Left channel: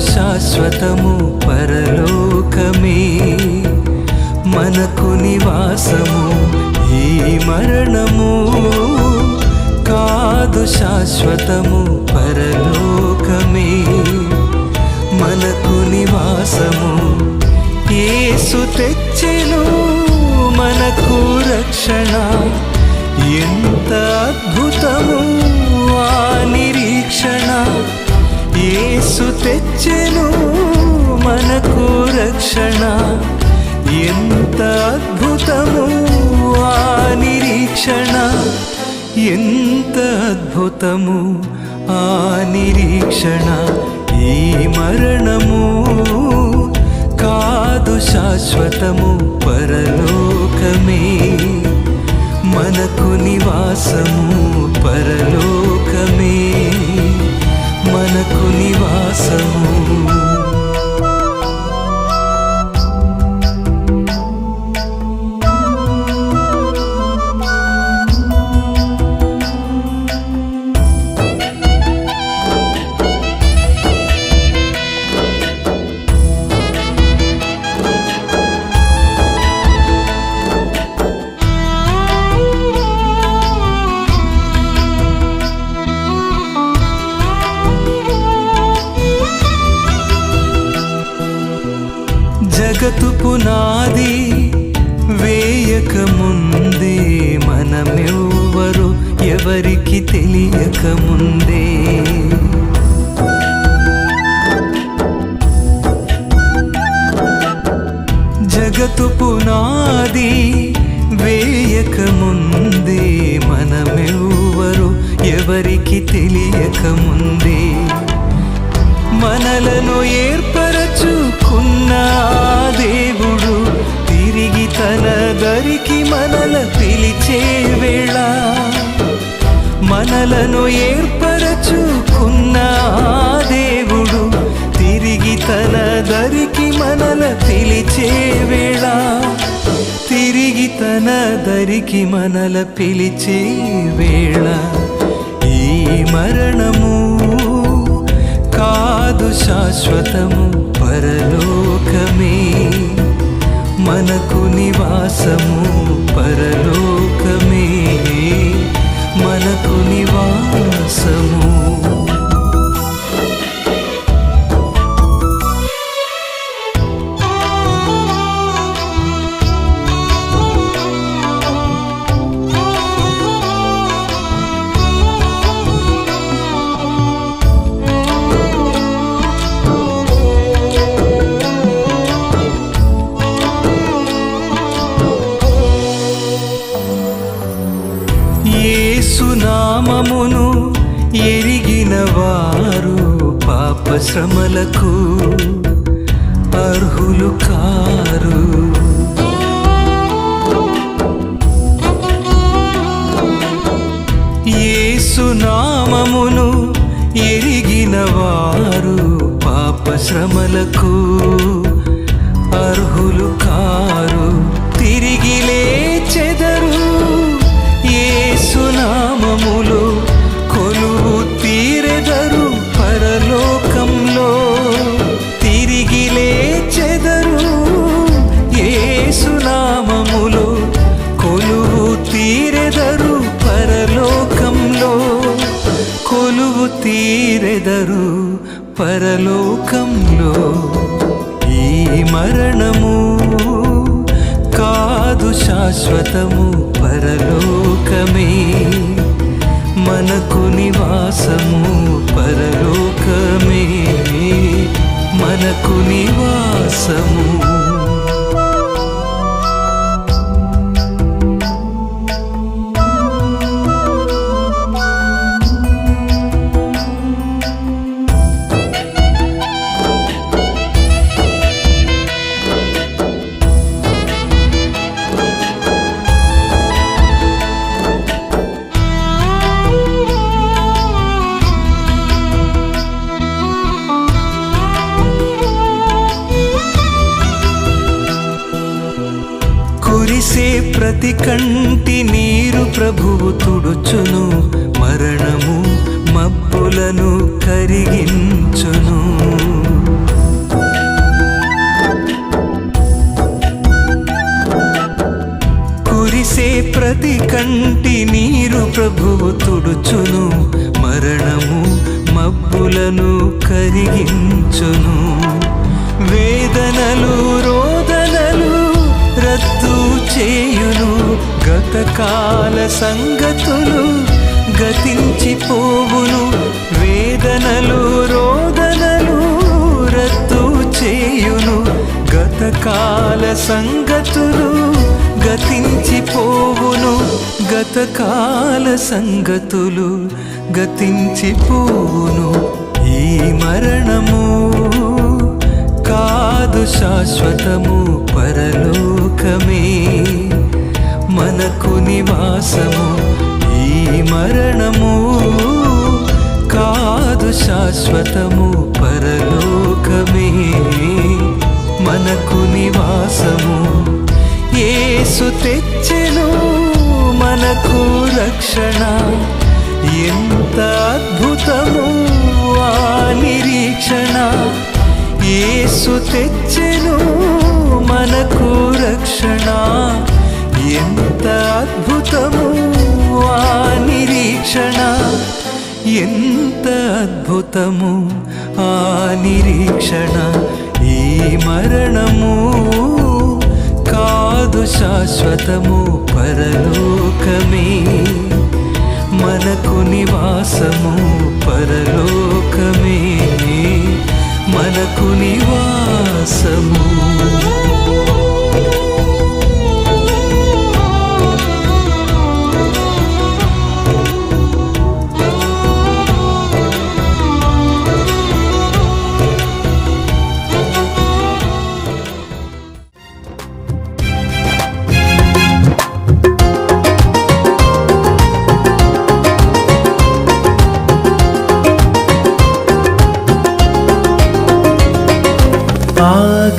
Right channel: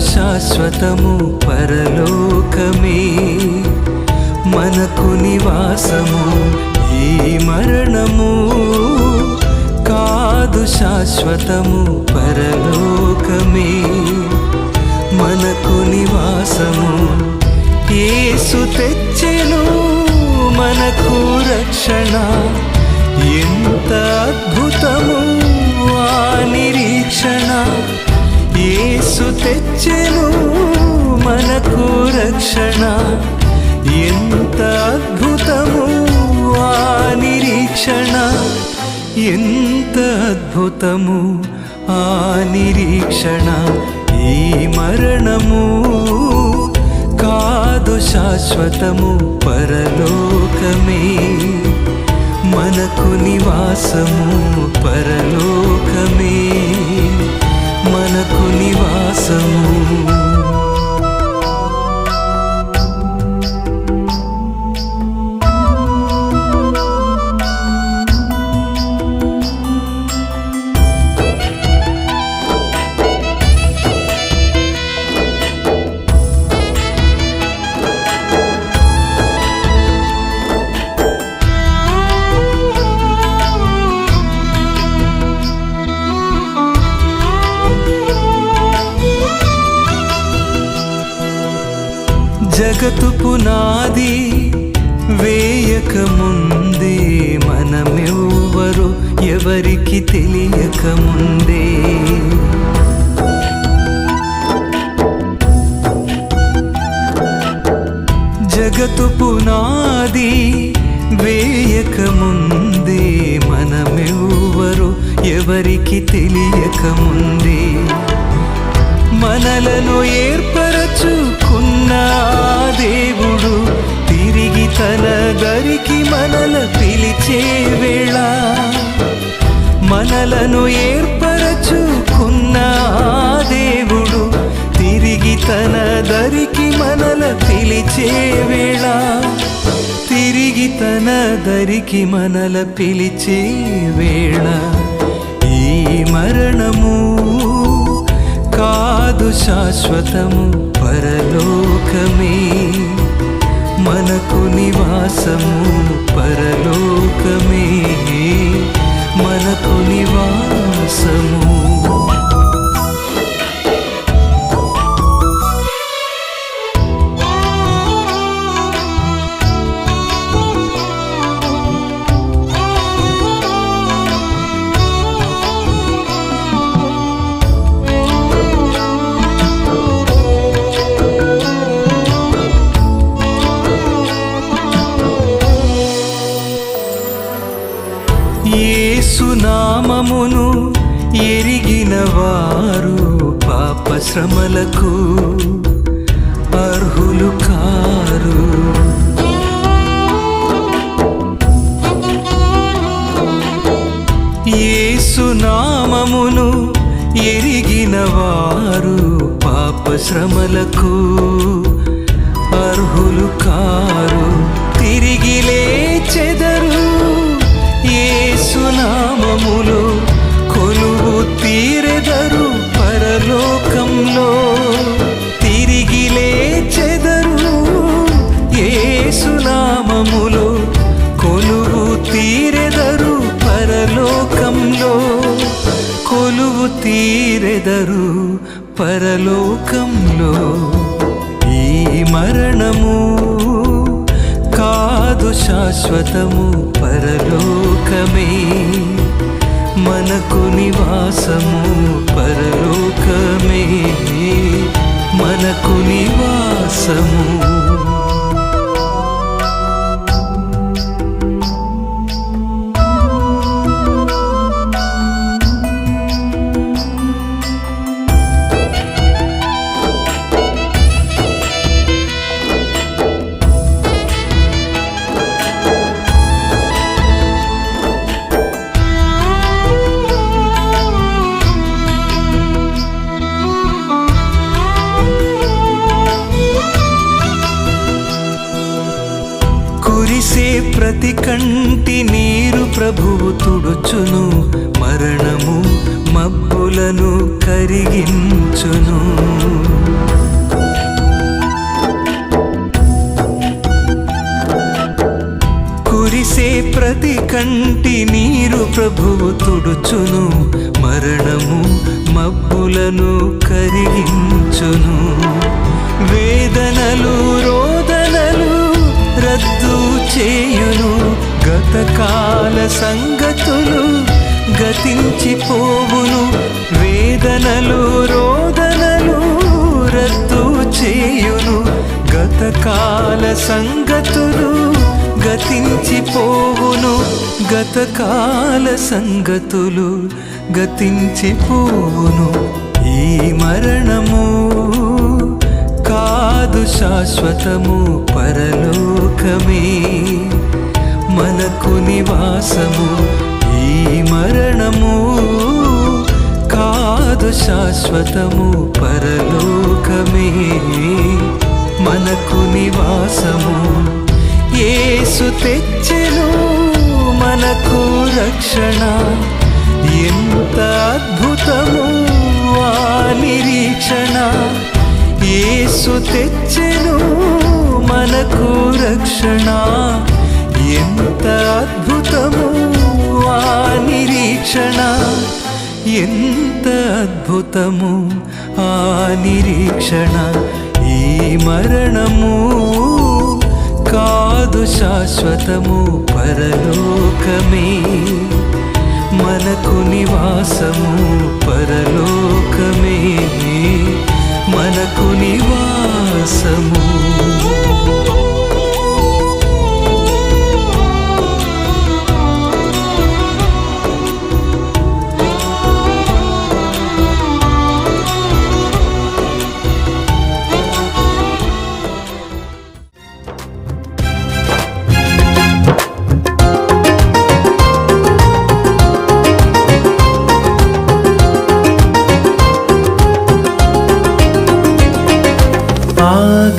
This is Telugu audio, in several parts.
శాశ్వతము పరలోకమే. మనకు నివాసము ఈ మరణము. కాదు శాశ్వతము పరలోకమే. మనకు నివాసము ఏసు తెచ్చెను. మనకు రక్షణ ఎంత అద్భుతము ఆ నిరీక్షణ. ఏసు తెచ్చెను మనకు రక్షణ. ఎంత అద్భుతము ఆ నిరీక్షణ. ఎంత అద్భుతము ఆ నిరీక్షణ. ఈ మరణము కాదు శాశ్వతము పరలోకమే. మనకు నివాసము పరలోకమే. మనకు నివాసము. జగతు పునాది వేయక ముందే మనమెవ్వరు ఎవరికి తెలియక ముందే జగతు పునాది వేయక ముందే మనమెవ్వరు ఎవరికి తెలియక ముందే మనలను ఏర్పరచుకున్న దేవుడు. తిరిగి తన దరికి మనల పిలిచే వేళ మనలను ఏర్పరచుకున్న దేవుడు. తిరిగి తన దరికి మనల పిలిచే వేళ తిరిగి తన దరికి మనల పిలిచే వేళ ఈ మరణము కాదు శాశ్వతము పరలోకమే. మనకు నివాసము పరలోకమే. మనకు నివాసము నామమును ఎరిగిన వారు పాప శ్రమలకు అర్హులు కారు. ఏసునామమును ఎరిగిన వారు పాప శ్రమలకు అర్హులు కారు. తిరిగి లేచెదరు యేసునామములు కొలువు తీరెదరు పరలోకంలో. తిరిగి లేచెదరు ఏసునామములు కొలువు తీరెదరు పరలోకంలో. కొలువు తీరెదరు పరలోకంలో. ఈ మరణము కాదు శాశ్వతము పరలోకమే. మనకు నివాసము పరలోకమే. మనకు నివాసము కంటి నీరు ప్రభువు తుడుచును మరణము మబ్బులను కరిగించును. కురిసే ప్రతి కంటి నీరు ప్రభువు తుడుచును మరణము మబ్బులను కరిగించును. వేదనలు రోద రద్దు చేయును. గతకాల సంగతులు గతించిపోవును. వేదనలు రోదనలు రద్దు చేయును. గతకాల సంగతులు గతించిపోవును. గతకాల సంగతులు గతించిపోవును. ఈ మరణము కాదు శాశ్వతము పరలోకమే. మనకు నివాసము ఈ మరణము. కాదు శాశ్వతము పరలోకమే. మనకు నివాసము ఏసు తెచ్చెను మనకు రక్షణ. ఎంత అద్భుతము ఆ నిరీక్షణ. యేసు తెచ్చెను మనకు రక్షణ. ఎంత అద్భుతము ఆ నిరీక్షణ. ఎంత అద్భుతము ఆ నిరీక్షణ. ఈ మరణము కాదు శాశ్వతము పరలోకమే. మనకు నివాసము పరలోకమే. మనకు నివాసము.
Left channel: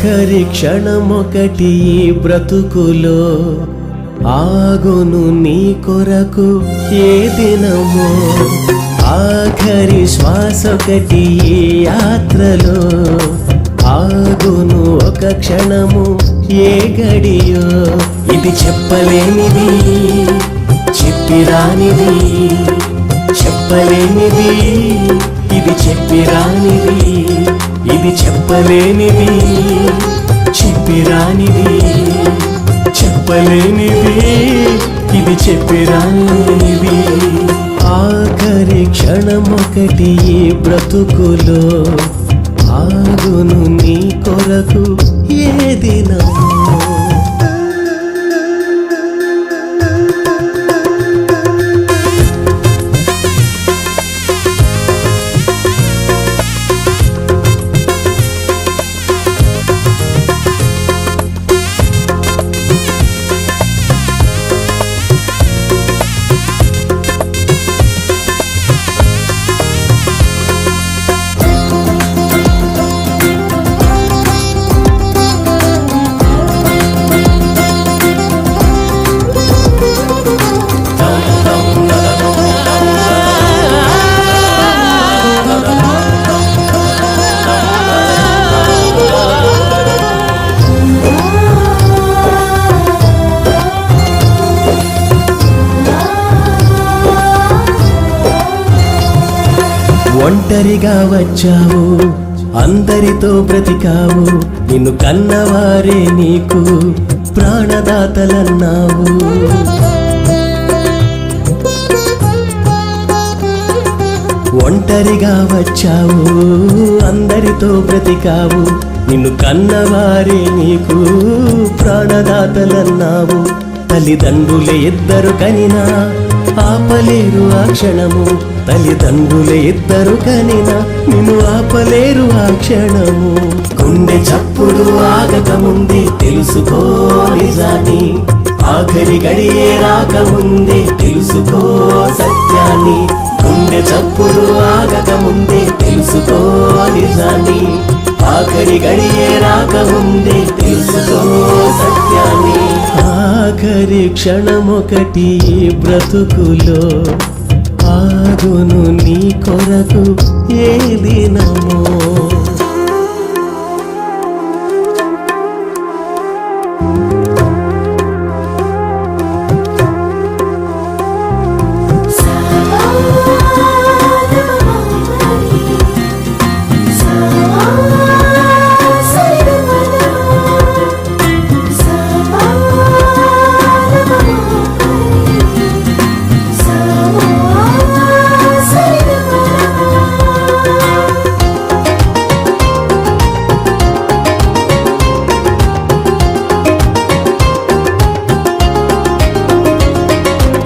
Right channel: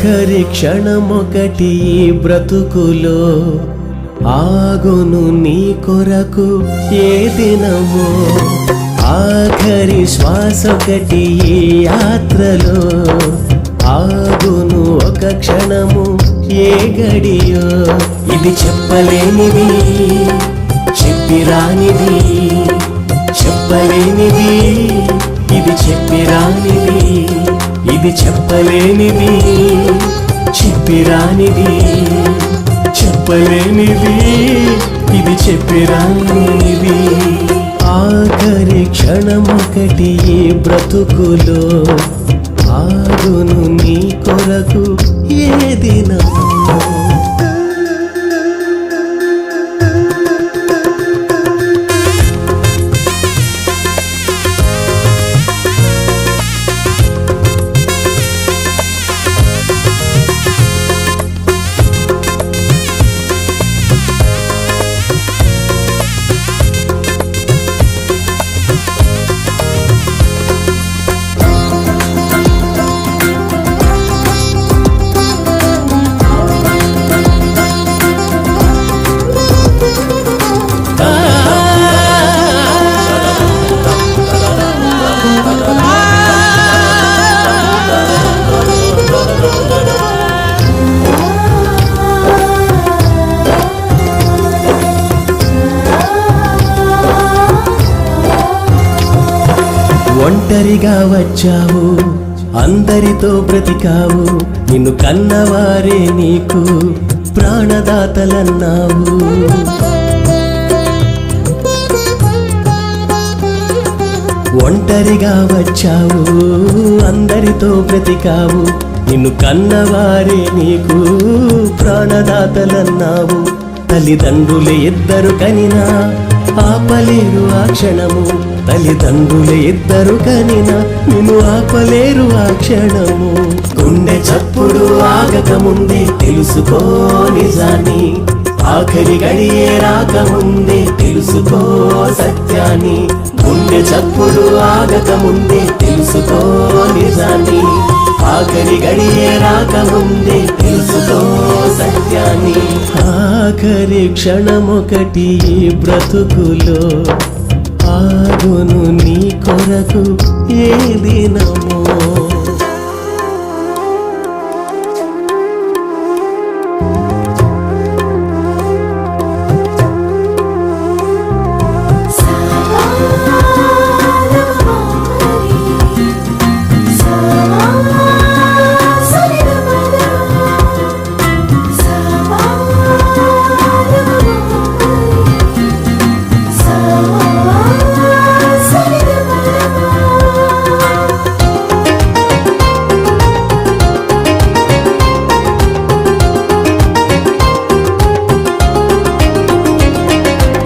ఆఖరి క్షణమొకటి బ్రతుకులో ఆగును నీ కొరకు ఏ దినమో. ఆఖరి శ్వాసొకటి ఈ యాత్రలో ఆగును ఒక క్షణము ఏ గడియో. ఇది చెప్పలేనిది చెప్పిరానిది చెప్పలేనిది. ఇది చెప్పిరానిది ఇది చెప్పలేనిది. చెప్పిరానిది చెప్పలేనిది. ఇది చెప్పిరానిది ఆఖరి క్షణమొకటి ఈ బ్రతుకులో ఆగును నీ కొరకు ఏ ఒంటరిగా వచ్చావు అందరితో బ్రతికావు నిన్ను కన్నవారే నీకు ప్రాణదాతలన్నావు. ఒంటరిగా వచ్చావు అందరితో బ్రతికావు నిన్ను కన్నవారే నీకు ప్రాణదాతలన్నావు. తల్లిదండ్రులే ఇద్దరు కనినా ఆపలేరు ఆ క్షణము. తల్లిదండ్రులే ఇద్దరు కనిన నిన్ను ఆపలేరు ఆ క్షణము. గుండె చప్పుడు ఆగకముందే తెలుసుకో నిజాన్ని. ఆఖరి గడియే రాకముందే తెలుసుకో సత్యాన్ని. గుండె చప్పుడు ఆగకముందే తెలుసుకో నిజాన్ని. ఆఖరి గడియే రాకముందే తెలుసుకో సత్యాన్ని. ఆఖరి క్షణమొకటి బ్రతుకులో ఆగును నీ కొరకు ఏ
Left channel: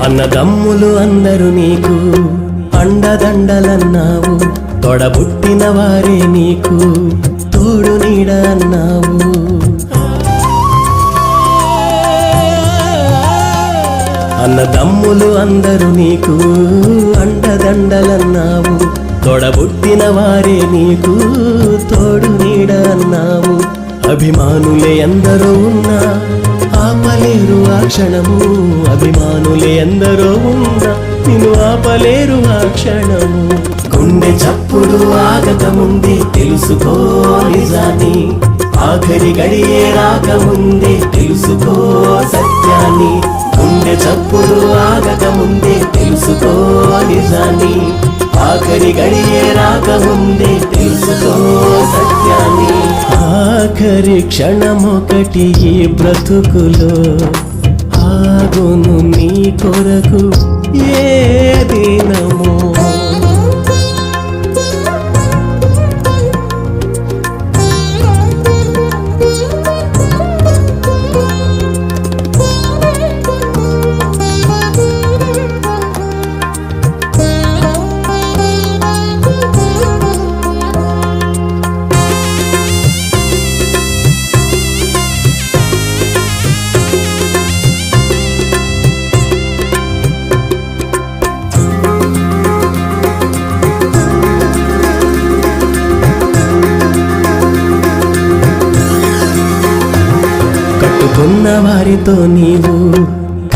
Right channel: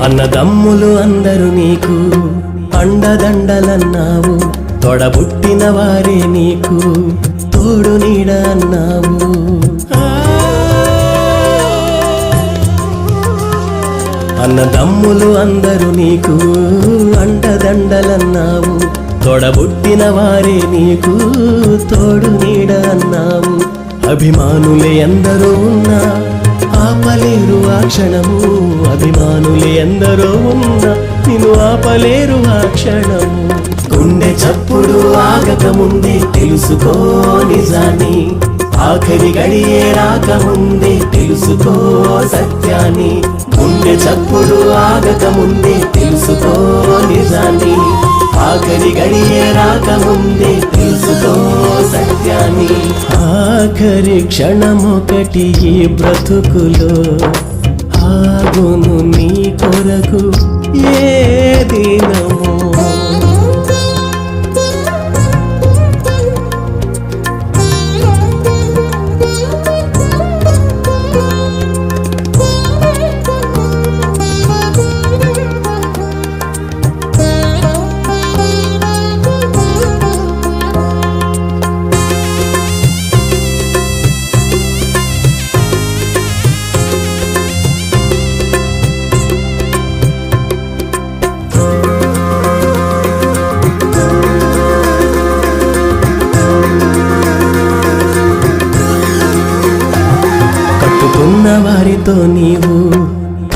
అన్నదమ్ములు అందరూ నీకు అండదండలన్నావు తొడబుట్టిన వారే నీకు తోడు నీడ అన్నావు. అన్నదమ్ములు అందరూ నీకు అండదండలన్నావు తొడబుట్టిన వారే నీకు తోడు నీడ అన్నావు. అభిమానులే అందరూ ఉన్నా ఆపలేరు ఆ క్షణము. అభిమానులే ఎందరో ఉన్నా నిన్ను ఆపలేరు ఆ క్షణము. గుండె చప్పుడు ఆగకముందే తెలుసుకో నిజాన్ని. ఆఖరి గడియే రాకముందే తెలుసుకో సత్యాన్ని. గుండె చప్పుడు ఆగకముందే తెలుసుకో నిజాన్ని. ఆఖరి గడియే రాకముందే తెలుసుకో సత్యాన్ని. ఆఖరి క్షణమొకటి ఈ బ్రతుకులో ఆగును నీ కొరకు ఏ దినమో నాతో నీవు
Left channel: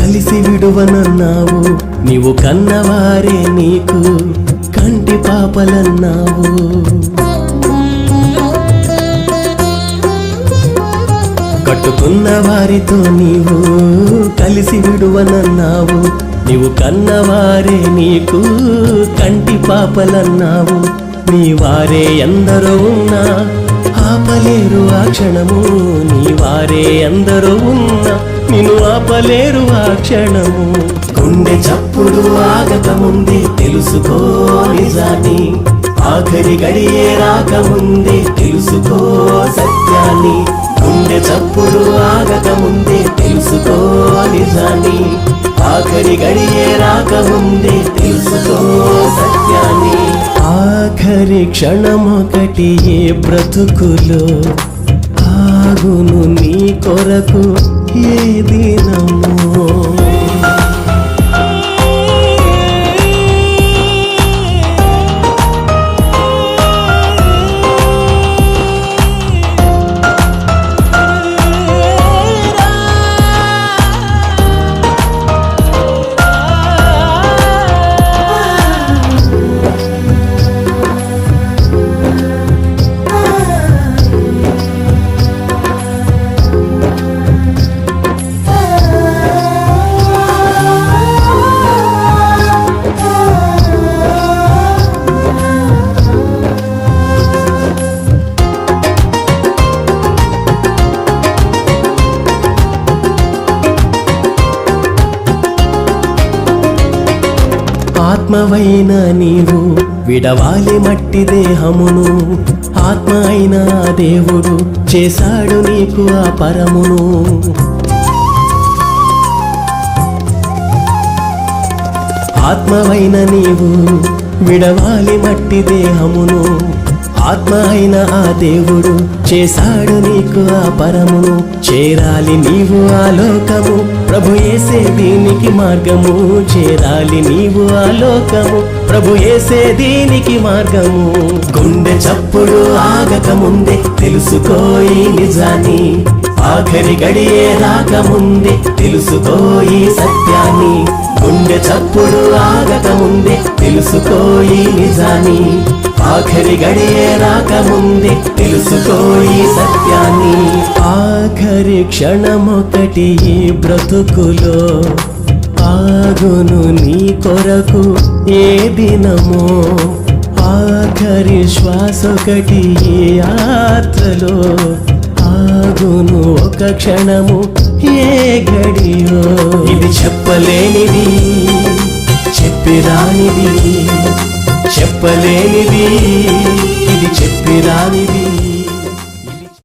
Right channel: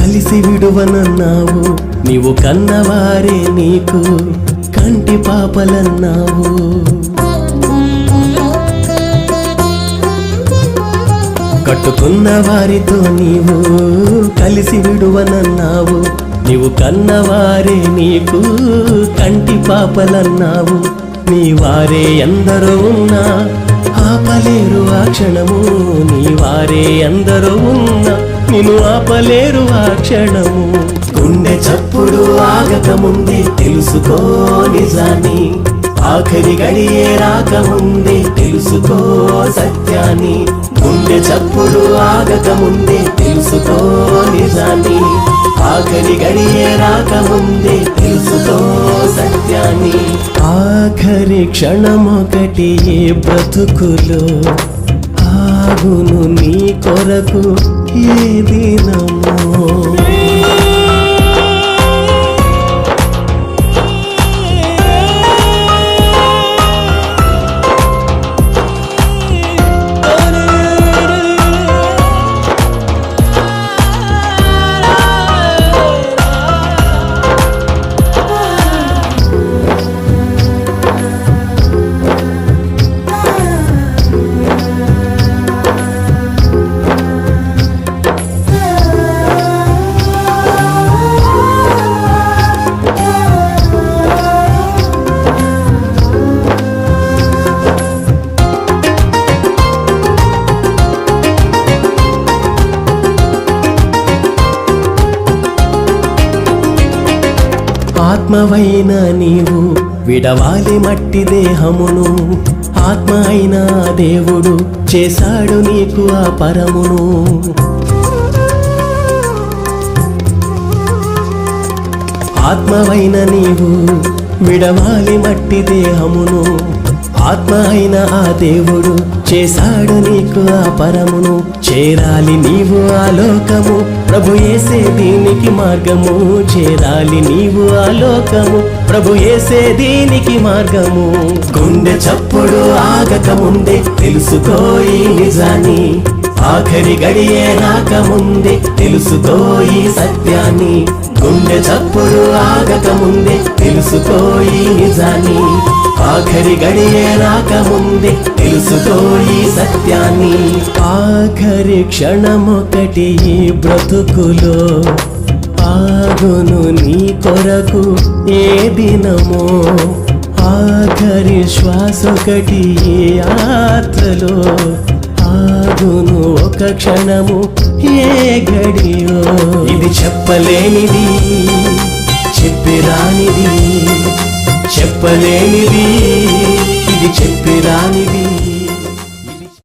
కలిసి విడువనన్నావు. నీవు కన్నవారే నీకు కంటి పాపలన్నావు. కట్టుకున్న వారితో నీవు కలిసి విడువనన్నావు. నీవు కన్నవారే నీకు కంటి పాపలన్నావు. నీ వారే ఎందరో ఉన్నా ఆపలేరు ఆ క్షణము. నీ వారే ఎందరో ఉన్నా నిన్ను ఆపలేరు ఆ క్షణము. గుండె చప్పుడు ఆగకముందే తెలుసుకో నిజాన్ని. ఆఖరి గడియే రాకముందే తెలుసుకో సత్యాన్ని. గుండె చప్పుడు ఆగకముందే తెలుసుకో నిజాన్ని. ఆఖరి గడియే రాకముందే తెలుసుకో సత్యాన్ని. ఆఖరి క్షణమొకటి ఏ బ్రతుకులో ఆగును నీ కొరకు. ఏ దినమో. ఆత్మవైన నీవు విడవాలి మట్టి దేహమును. ఆత్మ అయిన దేవుడు చేశాడు నీకు ఆ పరమును. ఆత్మవైన నీవు విడవాలి మట్టి దేహమును. ఆత్మ అయిన ఆ దేవుడు చేశాడు నీకు ఆ పరమును. చేరాలి నీవు ఆ లోకము. ప్రభు ఏసే దీనికి మార్గము. చేరాలి నీవు ఆ లోకము. ప్రభు ఏసే దీనికి మార్గము. గుండె చప్పుడు ఆగక ముందే నిజాన్ని. ఆఖరి గడియే రాకముందే తెలుసుకో ఈ సత్యాన్ని. గుండె చప్పుడు ఆగక ముందే తెలుసుకో ఈ నిజాన్ని. ఆఖరి గడియే రాకముందే తెలుసుకో ఈ సత్యాన్ని. ఆఖరి క్షణమొకటి ఈ బ్రతుకులో ఆగును నీ కొరకు ఏ దినమో. ఆఖరి శ్వాసొకటి ఈ యాత్రలో ఆగును ఒక క్షణము ఏ గడియో. ఇది చెప్పలేనిది చెప్పిరానిది చెప్పలేనిది ఇది చెప్పిరానిది